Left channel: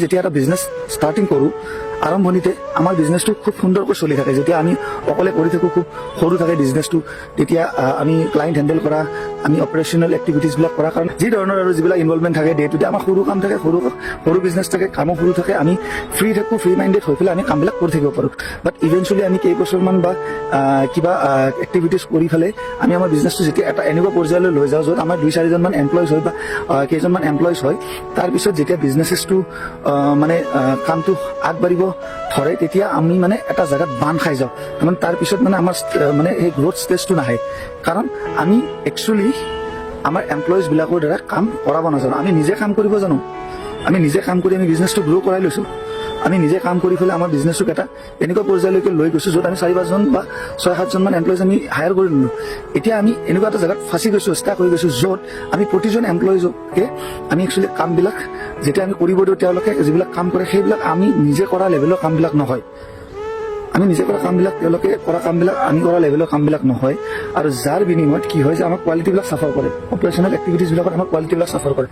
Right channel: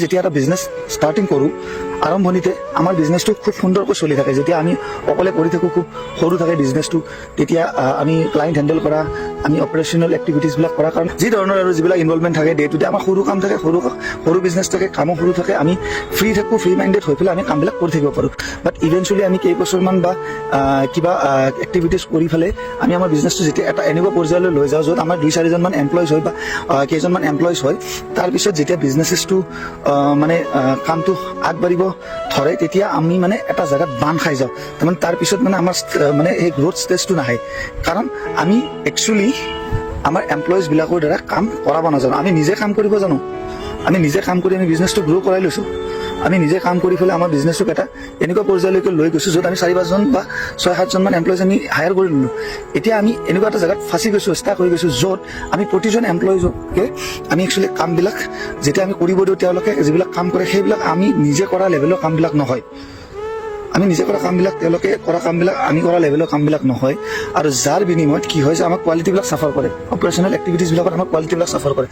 যেতিয়া এটা business starting কৰোঁ আৰম্ভণিতে আমাৰ বিজনেছটো খুব সুন্দৰকৈ চলি থাকে। যেতিয়া আমি অকলে কৰি থাকোঁ, খুব সৰু থাকে বিজনেছটো, তেতিয়া আমি ক্লাইণ্ট হেণ্ডেল কৰা, আমি অপাৰেশ্যনেল এক্টিভিটিছবিলাক কৰাৰ কাৰণে যি ধৰণৰ আৰু যিবিলাক ইনভলভমেণ্ট থাকে, তেতিয়া আমাৰ সৰু কাম থাকে, সৰু বিজনেছ থাকে, কামো সৰু থাকে, আমি ফ্ৰী থাকোঁ, ফ্ৰী মাইণ্ডেড হৈ পেলাই আমি কামবিলাক কৰি থাকিব পাৰোঁ। বাট ইভেঞ্চুৱেলি আমি কেইবছৰমান বা কিবা এক্টিভিটিছ কৰি পেলাই আমি আমাৰ বিজনেছটো যেতিয়া এটা এনেকুৱা পৰ্যায়লৈ লৈ যাওঁ য'ত আমাৰ 2-4জনমান এমপ্লয়িজ হয় বা কেইজনমান এমপ্লয়িজ হয়, তাৰপিছত যেতিয়া বিজনেছটো মানে কামটো আগবাঢ়িব ধৰে, তেতিয়া আমি মানে এটা জেগাত বান্ধ খাই যাওঁ। তাৰমানে তাৰপিছত মানে আমাৰ মানে এই গ্ৰথ ষ্টেজটো নাহে, কাৰণ আমি একচুৱেলি আমাৰ এমপ্লয়িজবিলাকৰ দ্বাৰা কাম কৰাব নাজানো। আমি নিজে কাম কৰিব জানো, আমি নিজে কাম কৰি আমি বিজনেছটো গ্ৰ' কৰাই লৈছোঁ। আমি নিজে কাম কৰি পেলাই আমাৰ বিজনেছটোক এটা এনেকুৱা পৰ্যায়লৈকে লৈ গৈছোঁ য'ত আমি 4-5জন বা 6-7জনমান এমপ্লয়িজ আমি হায়াৰ কৰি নিলোঁ। এতিয়া আমি এনেকুৱা এটা জেগাত ফাঁচি গৈছোঁ, ষ্টাক হৈ গৈছোঁ, য'ত আমি প্ৰতিজন এমপ্লয়িজকে আমি একচুৱেলি কামবিলাক যেতিয়া আমি কৰিব দিওঁ, তেওঁলোকে যিবিলাক কাম কৰে সেইবিলাক আমি নিজে কৰা লেভেলৰ কামবিলাক নহয়। আমি নিজে কৰা কামবিলাক, তেওঁলোকে কৰা কামবিলাক আমি কৰা লেভেলৰ কামবিলাক নহয়। আৰু যাৰ বিনিময়ত কি হয় যে আমাৰ কোৱালিটিবিলাক চাফাৰ কৰে, অপাৰেশ্যনেল এক্টিভিটিছবিলাকত আমাৰ কোৱালিটিবিলাক চাফাৰ কৰে।